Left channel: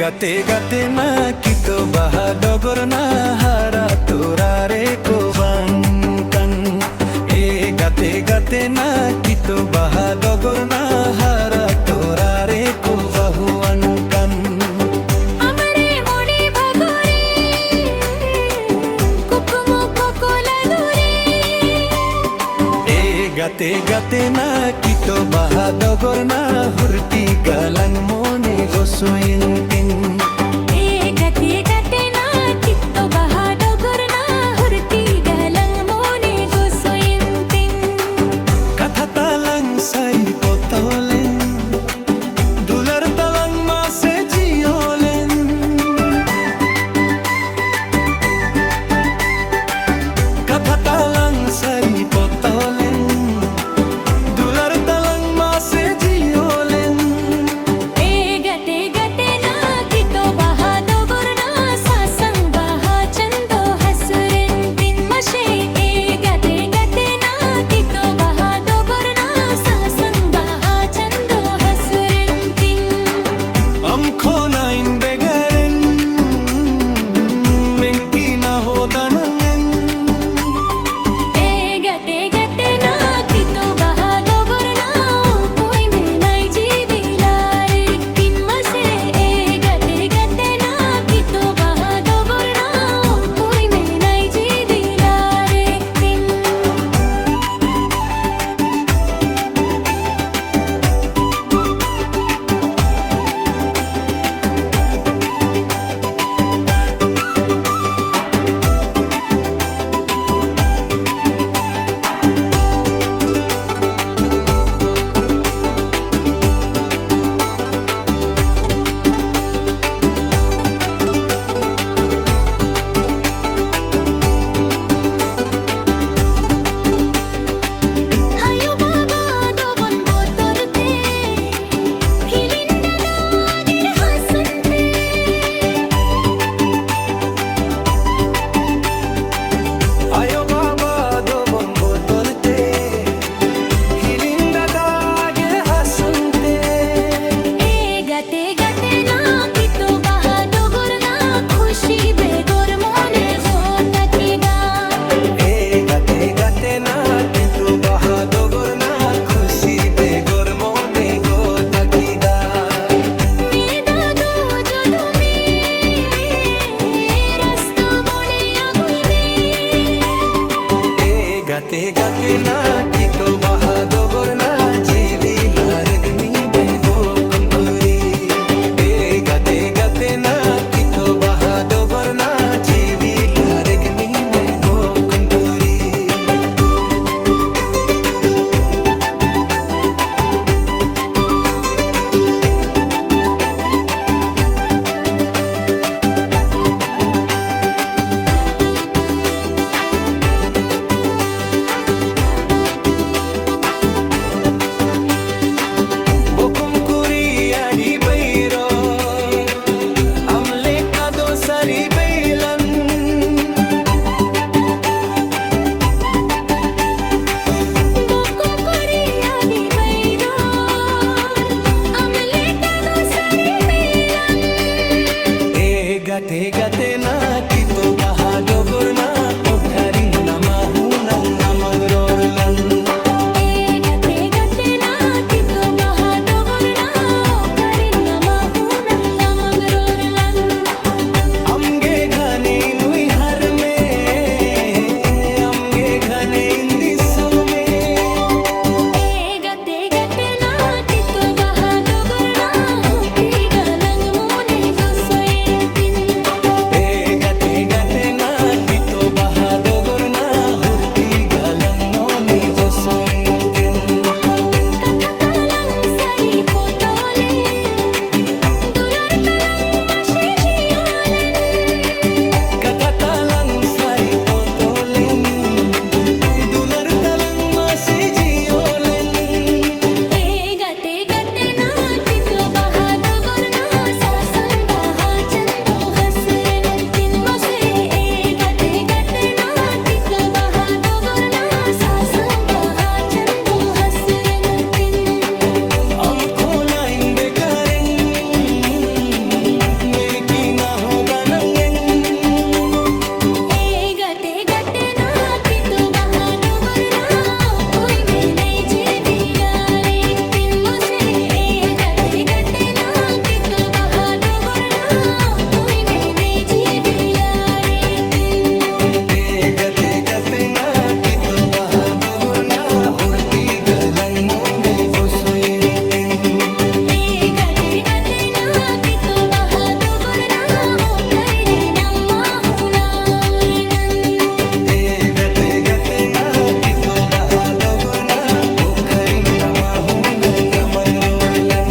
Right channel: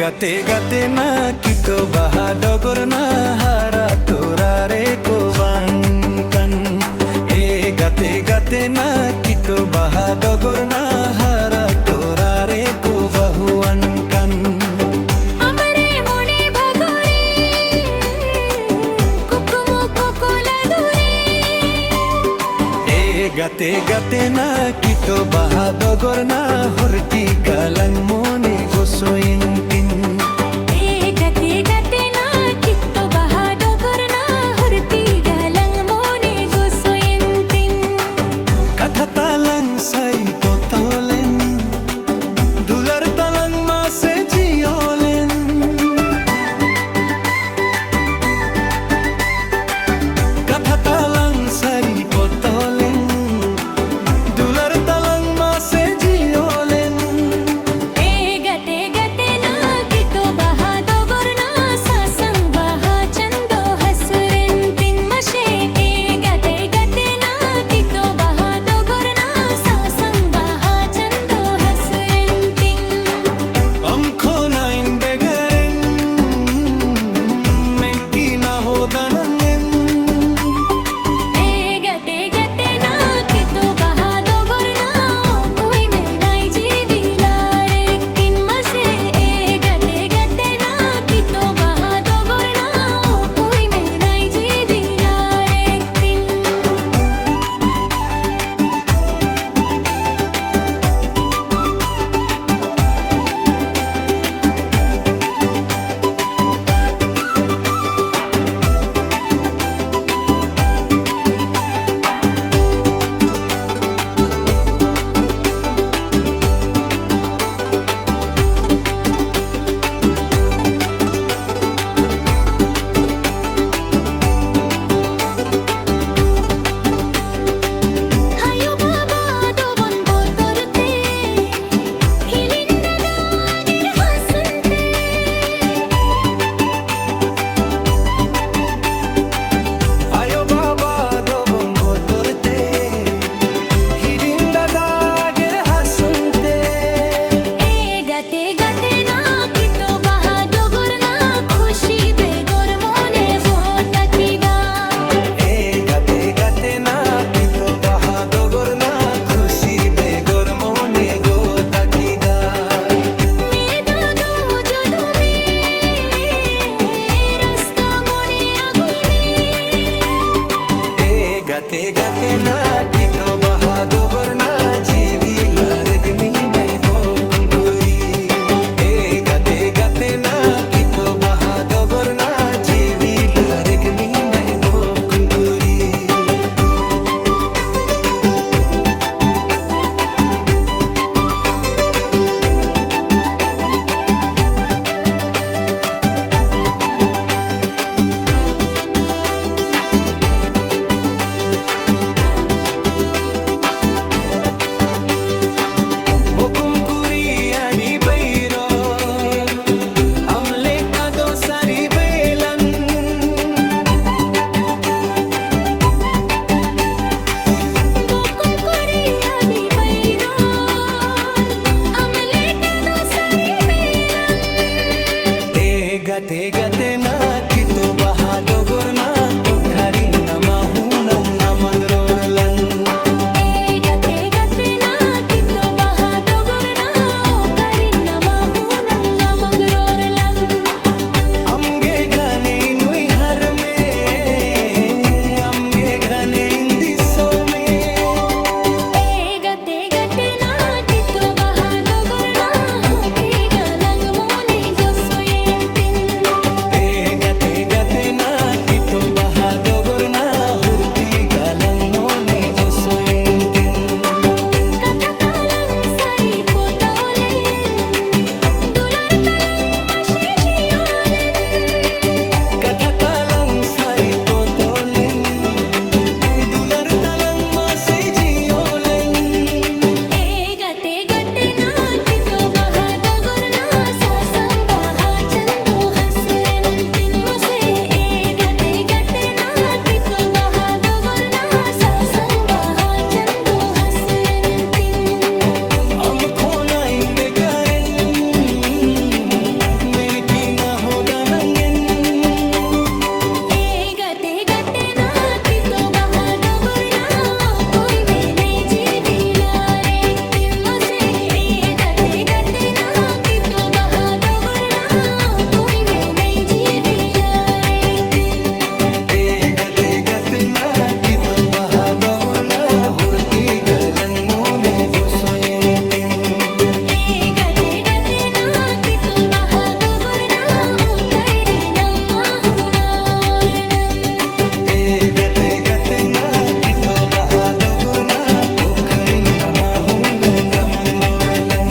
গাতে গাতে না কিতো বাহা ডগর না হারা তোরারে কোবাঙ্কান এ গাতে গাতে না কিতো বাহা ডগর না হারা তোরারে কোবাহুয়ানকান আমারে মনে ভাগরে কুকুমো কোকোলা দূরে এ গাতে গাতে না কিতো বাহা ডগর না হুরটি গালাং মনে গোসোয়িনকিন এ গাতে গাতে না কিতো বাহা ডগর না হুরতি গালাং মনে গোসোয়িনতিন Katha talang say potolen Dular talang mase jiolen Katha talang say potolen Dular talang mase jiolen এ গাতে গাতে না কিতো বাহা ডগর না সাসং বাহা চন্দ হাসরেন্তিন মশে এ গাতে গাতে না কিতো বাহা ডগর না সাসং বাহা Chanda হাসরেন্তিন Am khonain begaren Menki na hodanangen এ গাতে গাতে না কিতো বাহা ডগর না কই মে নাই জীবিলারে কিন মশে এ গাতে গাতে না কিতো বাহা ডগর না কই মে নাই জীবিলারে কিন Hayo baba dobon botorte hilinda dagir hasante Ayo baba do bongo torte Hilinda dagir hasunte এ গাতে গাতে না কিতো বাহা ডগর না খুশি বেগর মনে গোটা কিদা E gate gate na kito baha dogor na Khushi begor mone go takida মেদা দো যদু মে রাস্তা মনে আগুইনে E gate gate na kito baha dogor na Jivi largmi mai go kunkuri E gate gate na kito baha dogor na Jivi largmi mai go kunkuri Bokum kuri ani beiro Amle kado sari beilan বকুম করে আদি বাইরর আমলে কাদো সারি Belan E gate gate na kito baha dogor na Okhari na mahunang amangrorlan এ গাতে গাতে না কিতো বাহা ডগর না Karine না মাহুনাঙ্গা মগররলান Amge ghane nui har me Amge ghane indi so me এ গাতে গাতে না কিতো বাহা ডগর না bahadogor na hurti galang mone gosoentin Katakalang sari potolen Dular talang masihiolen Katatalang sari potolen Dular talang masejiolen E gate gate na tito bahadogor na sasang baha chando hasren tin mase E gate gate na tito bahadogor na sasang baha chando hasren tin amko na indekaren menki na hoda nangen E gate gate na tito bahadogor na koi mein nahi jeevila re tin mase E gate gate na tito bahadogor na koi mein nahi jeevila re tin e gate gate na kito bahadogor na hurti galang mone gosoentin E gate gate na tito bahadogor na o kaire namma hunaornan e gate gate na kito bahadogor na pokarin na mahunang gamangrorlan